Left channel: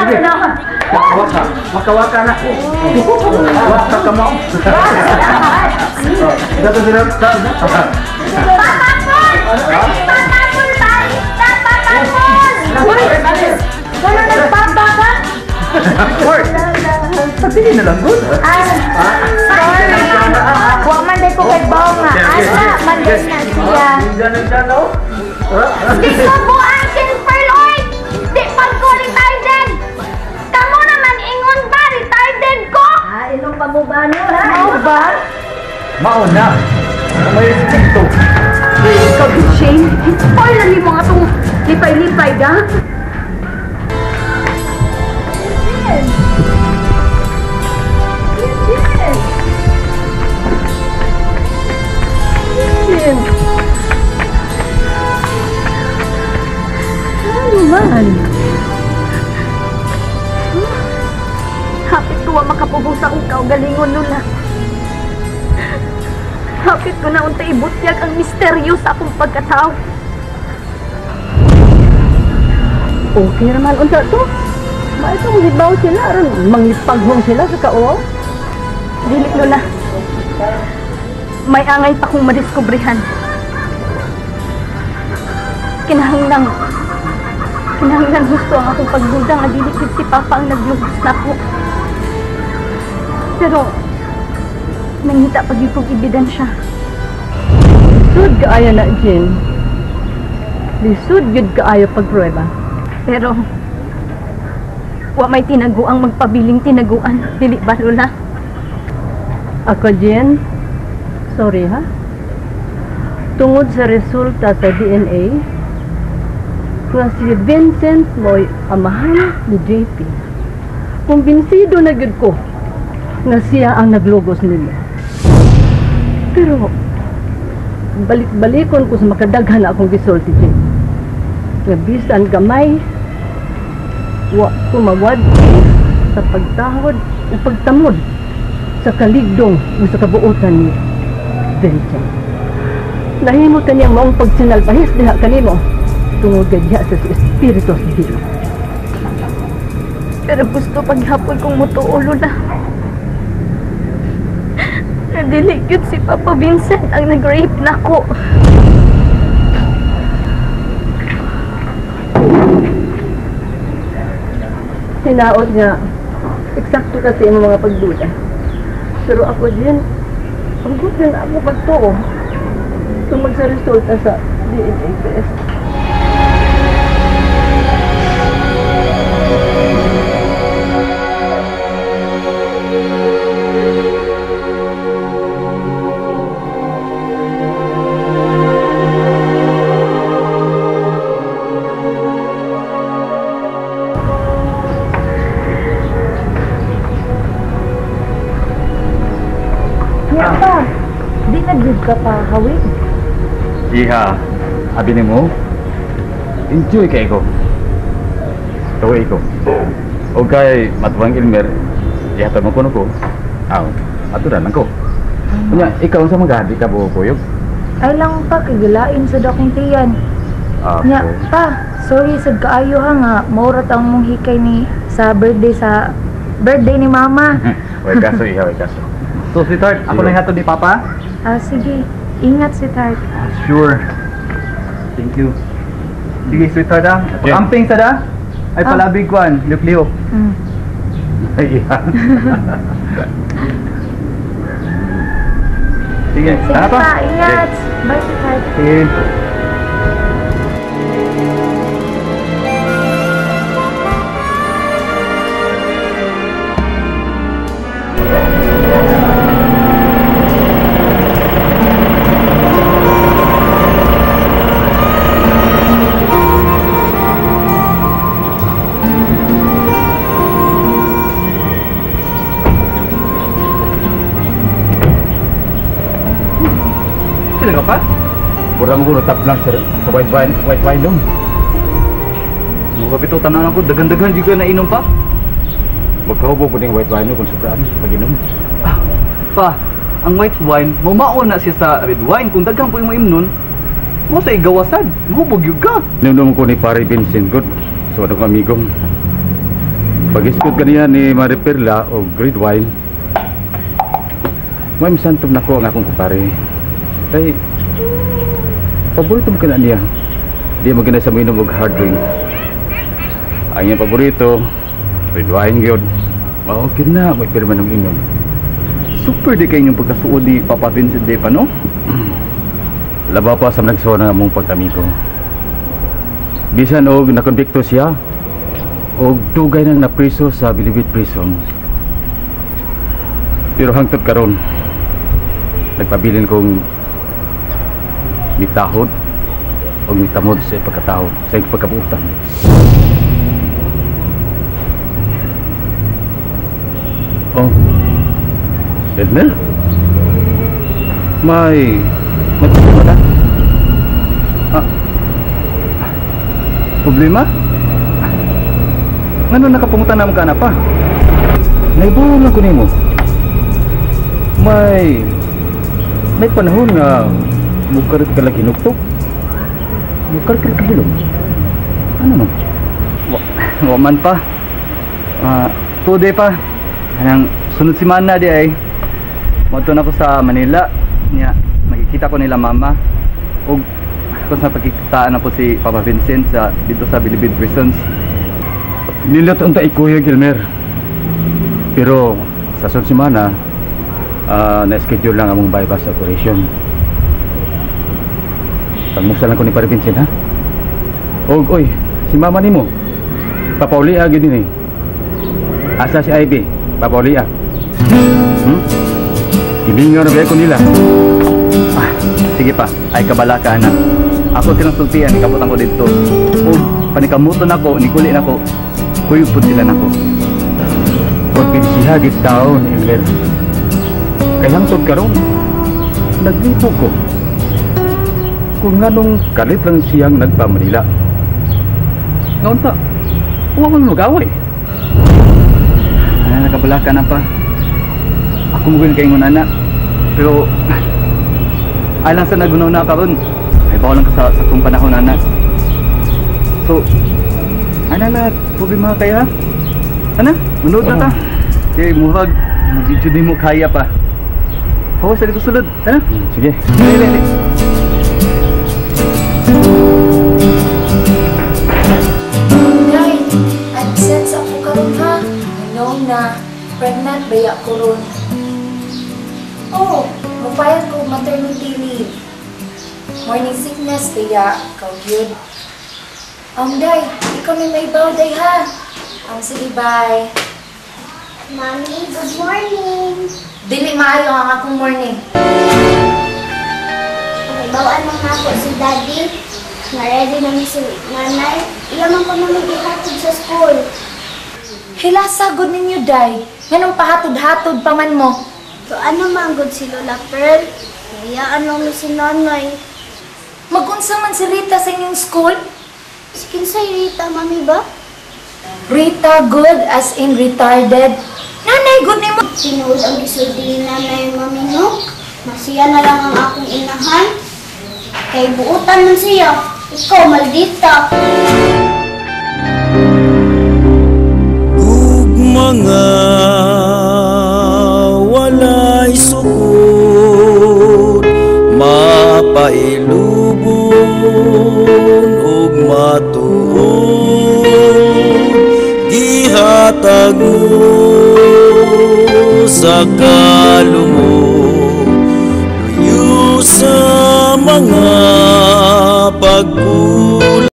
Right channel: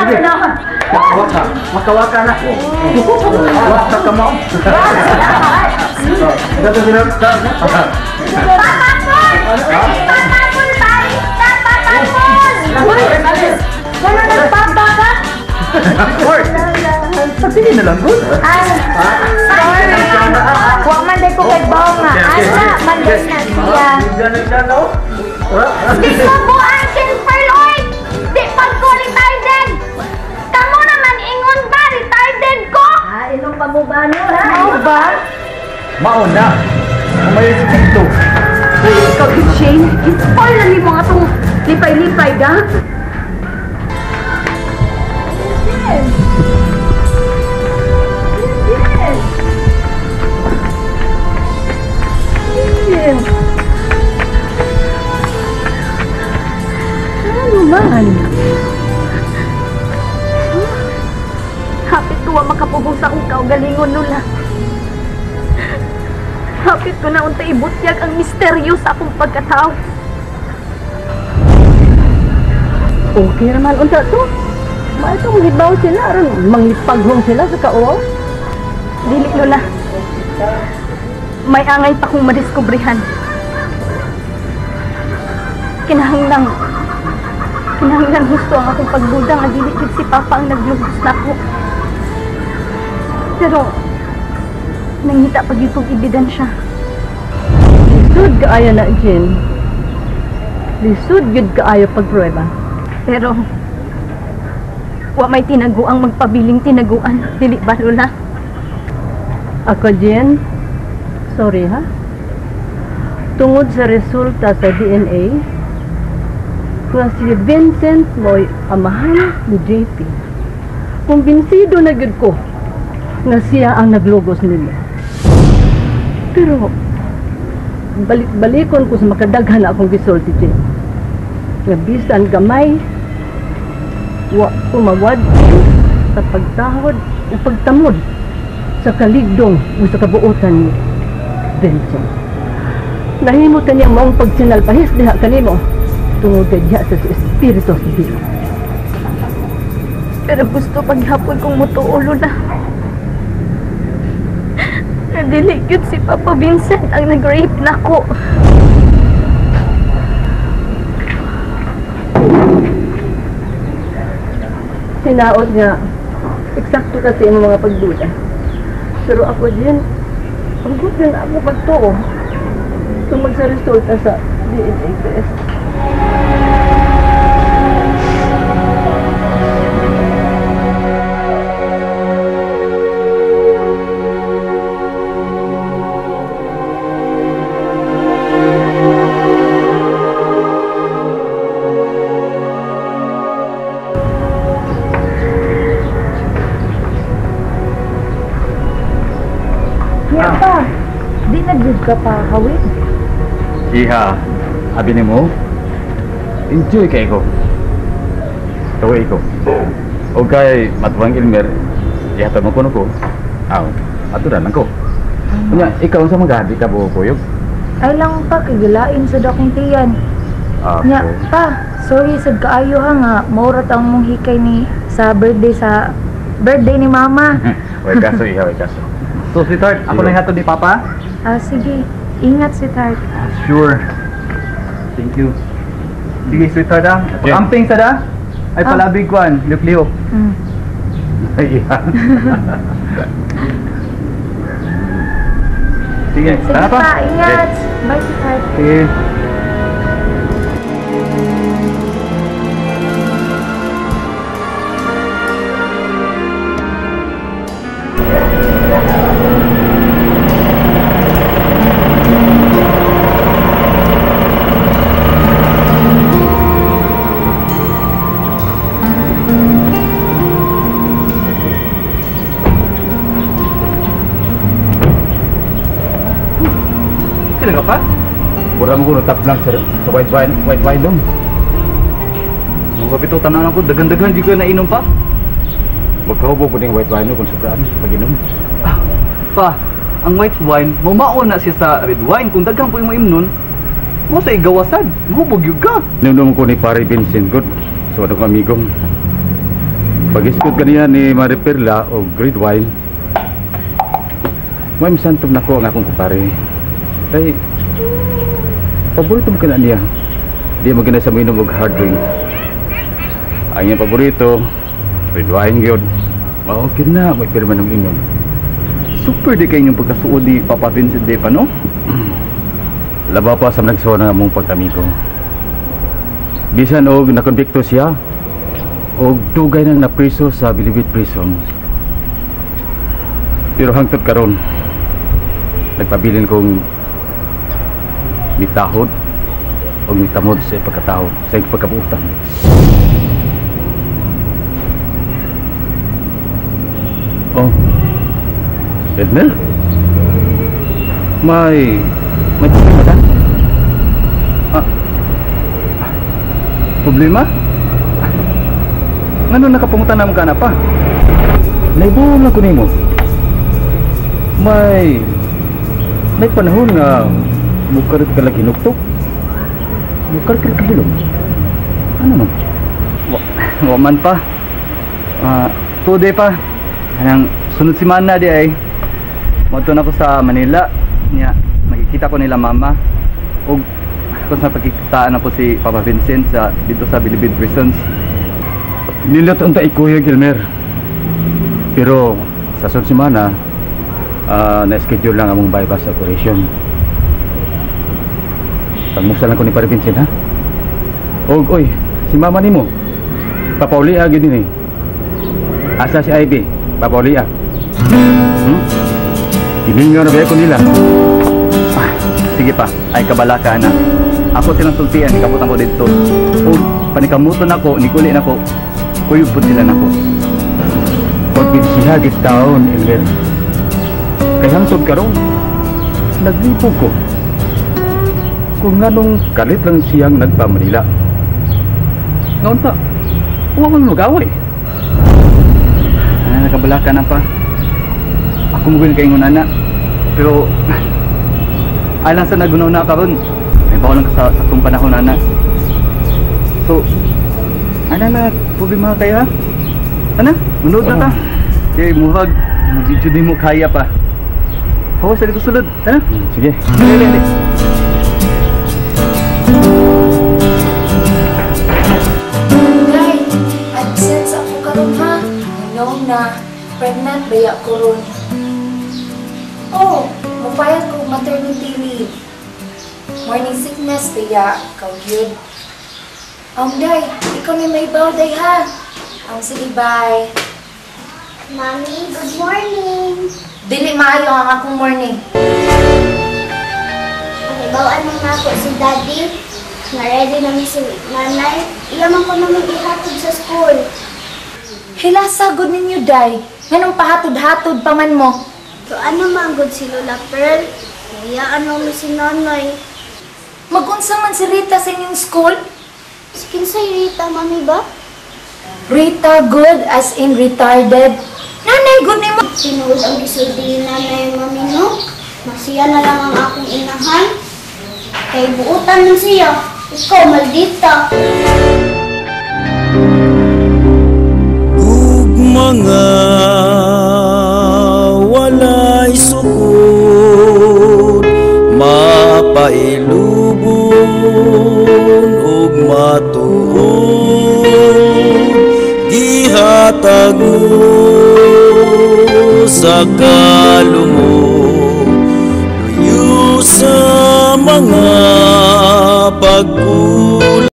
Sige. Waka. Waka na. Waka ka mo. Dato sila. Papapol! Papapol! Papapol! Wala nagpapa ka? Word. Sabihin na lang, good. Sorry. Huwag man din ko kay Bonga. Asa, manday na siya. Di ko buang silver, Lord! Di pag-retarded! Kamu naman ingon ba, retarded ko? Inom pa mo ba, no, ha? Mau ba? Mauna. May respeto. Ikaw, Shane. Spoil na ni mga itong lipay-lipay, da? Ano man? Hapit ko makapubos akong kaugalingon nun na. Hapit ko na unta ibutyag ang misteryo sa akong pagkatao. Okay naman, unta to. Maitong hibaw sila, aron manglipaghong sila sa kao. Dili na. May angay pa kong madiskubrihan. Kinahanglan gusto ang akong pagduda nga dili gid si Papa ang naglugos nako. Pero nangita pa gyud kong ebidensya. Lisod kaayo na, Jen. Lisod yun kaayo pagprueba. Pero wa may tinaguang magpabiling tinaguan, dili ba, Lola? Ako, Jen, sorry ha. Tungod sa resulta sa DNA, nga si Vincent mo'y amahan ni JP. Kumbinsido na gud ko na siya ang naglogos nila. Pero, balik-balikon ko sa makadaghan na akong gisulti, Jen. Nga bisan gamay, wa kumawad sa pagtahod o pagtamod sa kaligdong o sa kabuutan ni Vincent. Nahimo kaniyang maong pagsinalpahis diha kanimo tungod gadya sa Espiritu Santo. Pero gusto paghapon kong mutuo, Lola. Nadili gyud si Papa Vincent ang nag-rape nako. Hinaot nga, eksakto kasi ang mga pagduda. Pero ako din, ang good din ako pagtuo tungod sa resulta sa DNA test. Pa, di na gyud ka pa hawig. Iha, abi ni mo, enjoy kay ko. Taway ko. O kay Matuang Ilmer, ihatag mo ko. Aw, aturan lang ko. Kunya, ikaw sa magadi ka buyog. Ay lang pa, kagalain sa dakong tiyan. Nya, pa, sorry sad kaayo ha nga, maurat ang mong hikay ni sa birthday ni Mama. Way kaso, iha, way kaso. So, sweetheart, ako na hatod ni Papa? Sige, ingat si Tart. Sure. Thank you. Sige, sweetheart ha. Pag-amping sa da, ay palabig kwan, liok-liok. Ay, iha. Sige, Sige tara pa, ingat. Bye si Tart. Sige. Sila ka pa? Mura mo ko nataplang sa white wine dong. Mga kapitutan na ako, dagan-dagan di ka nainom pa. Magkahubo po ng white wine kung sobrang pag-inom. Pa, ang white wine, mamao na siya sa red wine. Kung dagang po yung maimnon, mo sa igawasan. Mahubog yun ka. Inom ko ni Pare Vincent, good. So, ano ko amigong. Pag-iskot kaniya ni Mariperla o grade wine, may misantog na ko ang akong kupare. Kay, paborito mo ka na niya. Di mo ganay sa minom og hard drink. Ang iyang paborito, red wine yun. Okay na, may pirma ng inom. Super di kayo yung pagkasuod ni Papa Vincent de pa, no? Laba pa sa nagsuwa ng among pagkamigo. Bisan og nakonbikto siya, og dugay nang napriso sa Bilibid Prison. Pero hangtod karon, nagpabilin kong mitahod o mitamod sa pagkatao, sa pagkabuutan. Oh, Edmer? May problema ka? Problema? Ngano nakapungutan naman ka na pa? Naibuhon lang ko nimo. May panahon nga mukarit ka lang kinuktok. Mukarit ka bilong. Ano man? Waman pa. Today pa. Anang sunod semana di ay. Madto na ko sa Manila. Nya makikita ko nila mama. Og kung sa pagkikitaan na po si Papa Vincent dito sa Bilibid Prisons. Nilot unta ikuya Gilmer. Pero sa sunod semana na-schedule lang among bypass operation. Pagmusta lang ko ni Pare Vincent, ha? Oy, si mama nimo. Papaulia gyud ni. Asa si Ivy? Papaulia. Ibingon na ba ko nila? Sige pa, ay kabalaka na. Ako silang sultian, ikabot ko dito. O panikamuton ako, nikuli na ko. Kuyupod sila na ko. Pagpinsiha git taon, Emler. Kaya hangtod karon, naglipo ko. Kung nganong kalit lang siyang nagpa-Manila. Ngaon pa, huwag mo mag-away. Nakabalaka na pa. Ako mugin kayo ng anak. Pero alang sa nagunaw na karon, ay bawalan ka sa kong panahon, anak. So, na problema kaya? Ana, manood na ta. Kaya muhag, mag-video din mo kaya pa. Hawa sa dito sulod, ana? Sige. Dali. Nay, AdSense ako karon ha. Ano na, pregnant baya ko ron. Oh, magpayag ko maternity leave. Morning sickness kaya ikaw yun. Day, ikaw may baw day ha. Sige, bye. Mommy, good morning. Dili maayo ang akong morning. Bawaan mo nga po si Daddy. Na-ready namin si Nanay. Iyaman ko namin ihatid sa school. Hilasagod ninyo, day. Nganong pahatod-hatod pa man mo. So ano man good si Lola Pearl? Hayaan mo si Nanay. Magunsa man si Rita sa inyong school? Skin sa Rita, Mami ba? Rita good as in retarded. Nanay, good ni mo. Sinuod ang gisulti ni Nanay, Mami, no? Masiya na lang ang akong inahan. Kay buutan man siya. Ikaw, maldita. Mga walay sukod, mapailubon ug matuod, gihatag mo sa kalumog, luyo sa mga pagkulang.